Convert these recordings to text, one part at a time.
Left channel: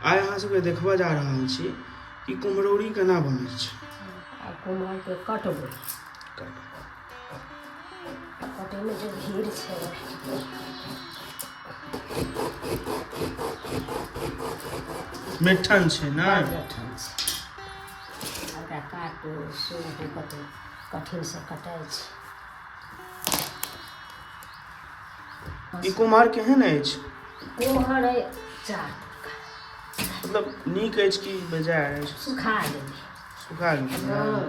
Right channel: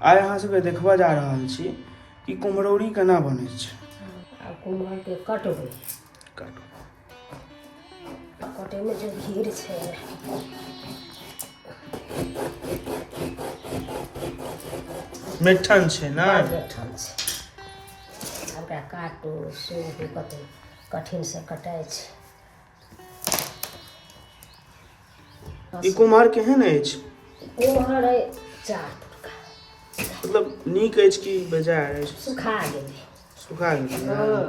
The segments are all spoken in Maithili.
आइ अहाँ सबके देखबा जा रहल छी कि कुम्हरौरी केना बनै छै। आ कुम्हर के कटबै, कटैमे जे भीड़ छै मिठन छै ने, बैठल छै। ओकरा काटू सुनके कतौ कठिनसँ कटाइ छै। ई कुम्हर केहन अछि? कुम्हर अइ 4 प्रकार। मतलब नीक अछि कि बेजार अछि? सुखा गेलै। सुखा गेलै? हाँ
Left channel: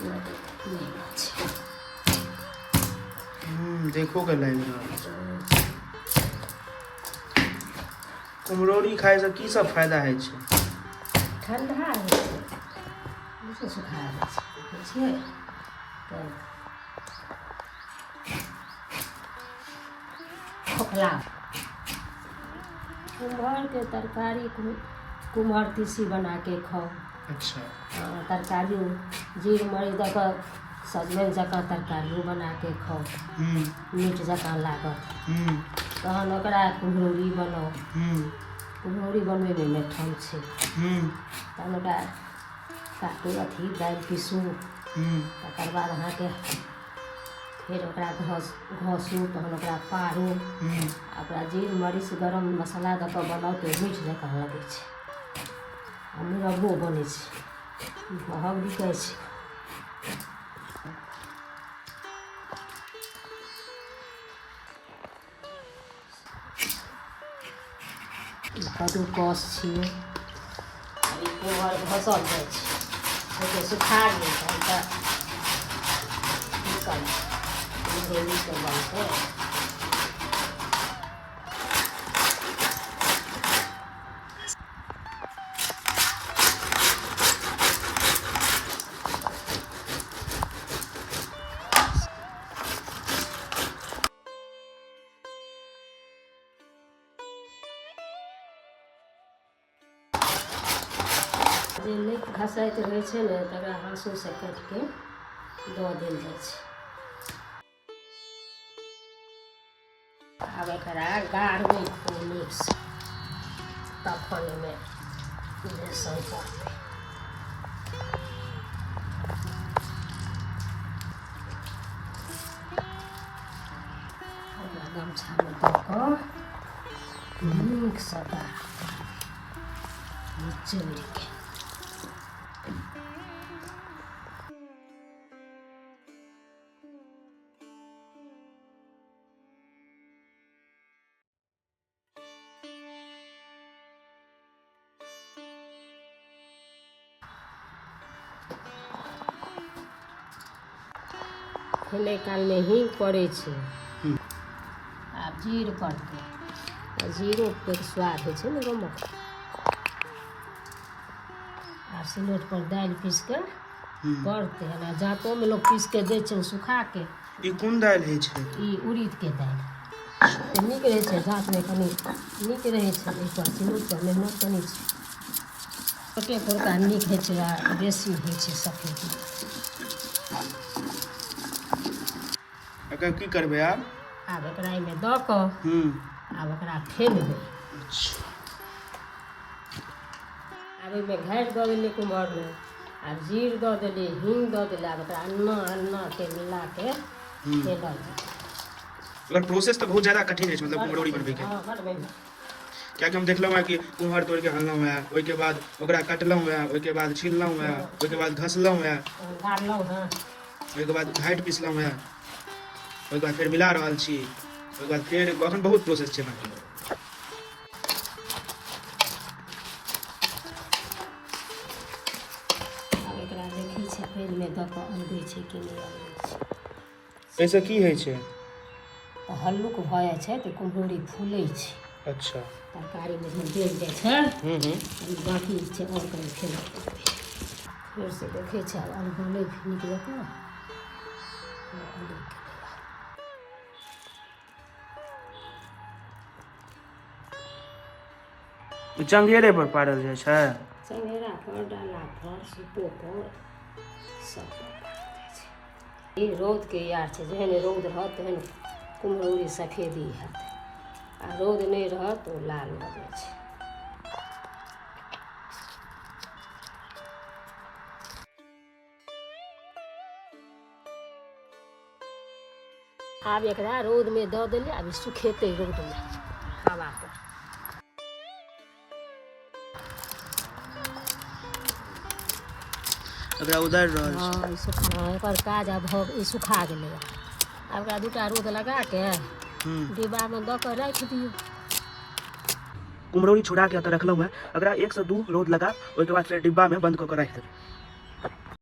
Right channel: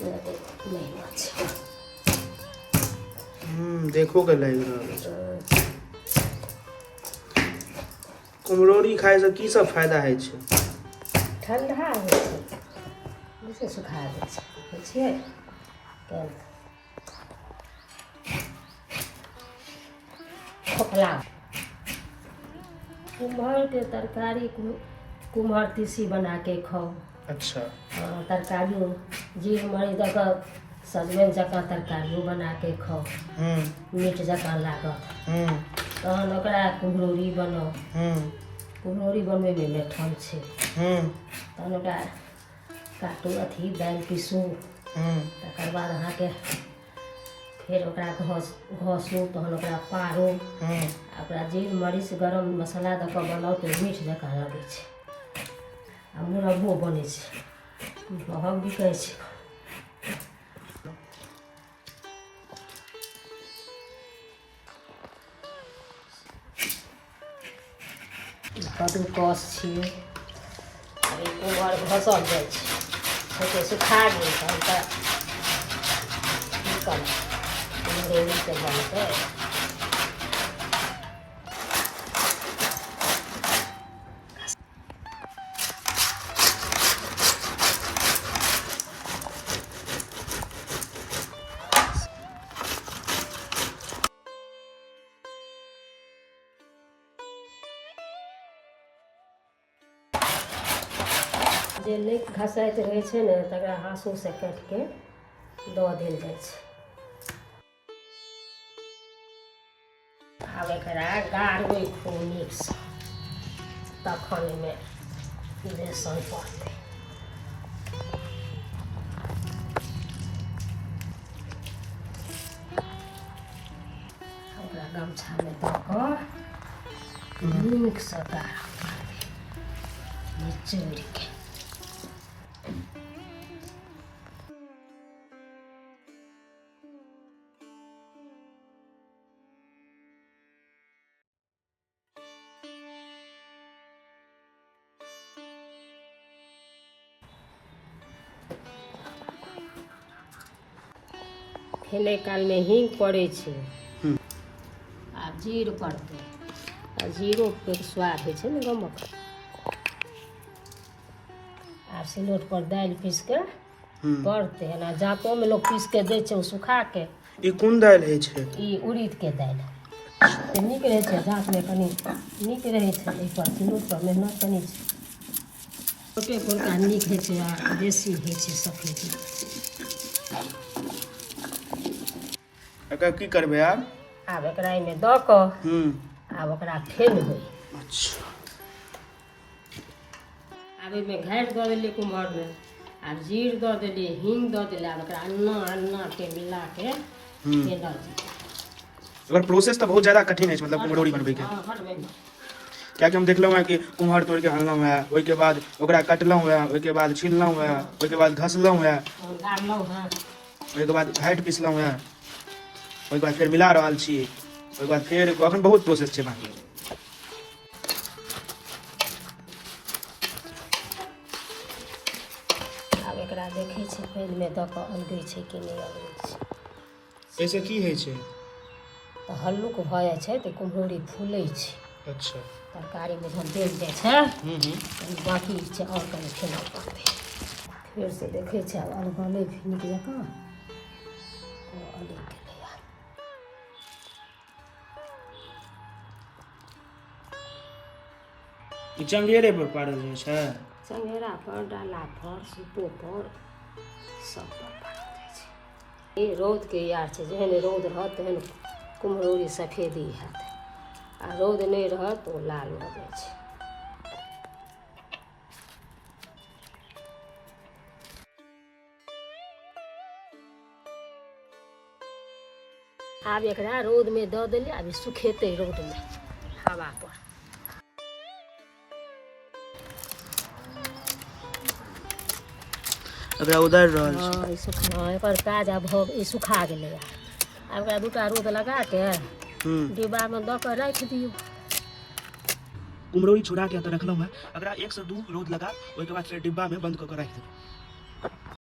नहीं छै। देखो के लागि रहल अछि। कुम्हरौरी खाइसँ की सब फायदा होइ छै? ठंडा होइ छै, जैसे सुखा जाइ छै, बुझियै तऽ खोखला। कुम्हरके तरकारी कुम्हर तीसी बना के खाउ। अच्छा। तरकारी जीर मरीच दऽ कऽ सजमनि जकाँ तरकारियो बना के खाउ, मीठ जकाँ लागत। तहन ओकरा कुम्हरौरी बनाउ। कुम्हरौरी बनबैमे मेठन छै। तहन ओकरा काटू, दालि पीसू, तकर बाद अहाँके फेर ओकरा घसू, तहन ओकरा पारू, ओकरा जीर मरीच गरम मसाला दऽ कऽ बनाउ तऽ मीठ जकाँ लगै छै। आ मुरब्बो बनै छै, महग बिकै छै। कद्दूकस छियै, ई कुम्हर घसल जाइ छै, ओते सुखा गेल तहन तऽ की करबै, कुम्हरौरी तऽ बनतै। जे नहि घसाइत रहै छै ने तकरा हाँसूसँ काटिके दऽ देल जाइ छै। आब एकरा गाड़बै खूब नीकसँ, तखन एहिमे बेसन पड़तै। ओकरा गमछामे दऽ कऽ नीकसँ गाड़बै, निचोड़िके। खेने कालमे हींग पड़ै छै, आ जीर पड़तै, आ जीरोके स्वाद होइ छै ने गमक। आ सिलौट पर दालि पीस कऽ पड़तै, एना जाँतोमे लोक पीस के दै छै, ओ सुखाके। ई कोन दालि होइ छै? ई उड़ीदके दालि नीक रहै छै, जाँतमे कनि नीक रहै छै। एहिपर सिलौट पर मेहनत कनि छै, छोटे पोरका नीक होइ छै आ बेसी होइ छै सफेदी। एकर की करबै आब? आब एकरा एहिमे दऽ कऽ आब ओकरा फेनबै। अच्छा। आब एहिमे घाटि दऽ देलियै कुम्हरमे, आ जीर दऽ देलियै, हींग दऽ देलियै। आब ओकरा अन्नाके मिलाके फेनल जेतै। अगर प्रोसेस तऽ बहुत ज़्यादा कठिन अछि, मतलब कुम्हरौरी बनबैके। कियाकि हम देखलहुँ हैं कि कुम्हर तोड़ि के अनलहुँ हैं, ओहिके बाद ओकरा कटलहुँ हैं, ओहिके बाद छीललहुँ हैं, ओहिके बाद घसलहुँ हैं, गाड़लहुँ हैं, ओहिके बाद घाटि पिसलहुँ हैं, ओहिके बाद फेर मिला रहल छी, ओहिके बाद फेर अखन बहुत प्रोसेस छै बाकी। आब एकरा देखै छै पानिमे दऽ कऽ अलगै छै कि नहि अलगै छै। एहिसँ की होइ छै? तऽ हल्लुक भऽ जाइ छै तऽ कुम्हरौरी फूलै छै। अच्छा। तरकारीमे जब देल जाइ छै बाकी छै, आओर कनि फेनऽ पड़तै। फेरसँ देखै छै अलगलै नीक जकाँ, अलगि गेलैए। ई चंगेरे पर पारल जाइ छै? चंगेरा पर, डाला पर, सूपो पर, सब पर पारल जाइ छै। ई रौदके यार छै, जेहन रौद रहत तेहन कुम्हरौरी सफेदी हैत, आ रौद नहि रहत तऽ ओ लाल भऽ जाइ छै। आब एकरा रौद में दऽ देली, आब सुखेतै रौद में हवा पर। एकरा उधर हाँ, सुखा एकर काज आब ई सुखा गेलै। आब एकरा 2टा रौद लगा के डिब्बा में दऽ के राखि दियौ। कुम्हरौरी छोड़ा के रखलहुँ है, एकरा 1 से 2 रौद लगा, ओहिके बाद फिर डिब्बा में बंद कऽ के राखि देबै।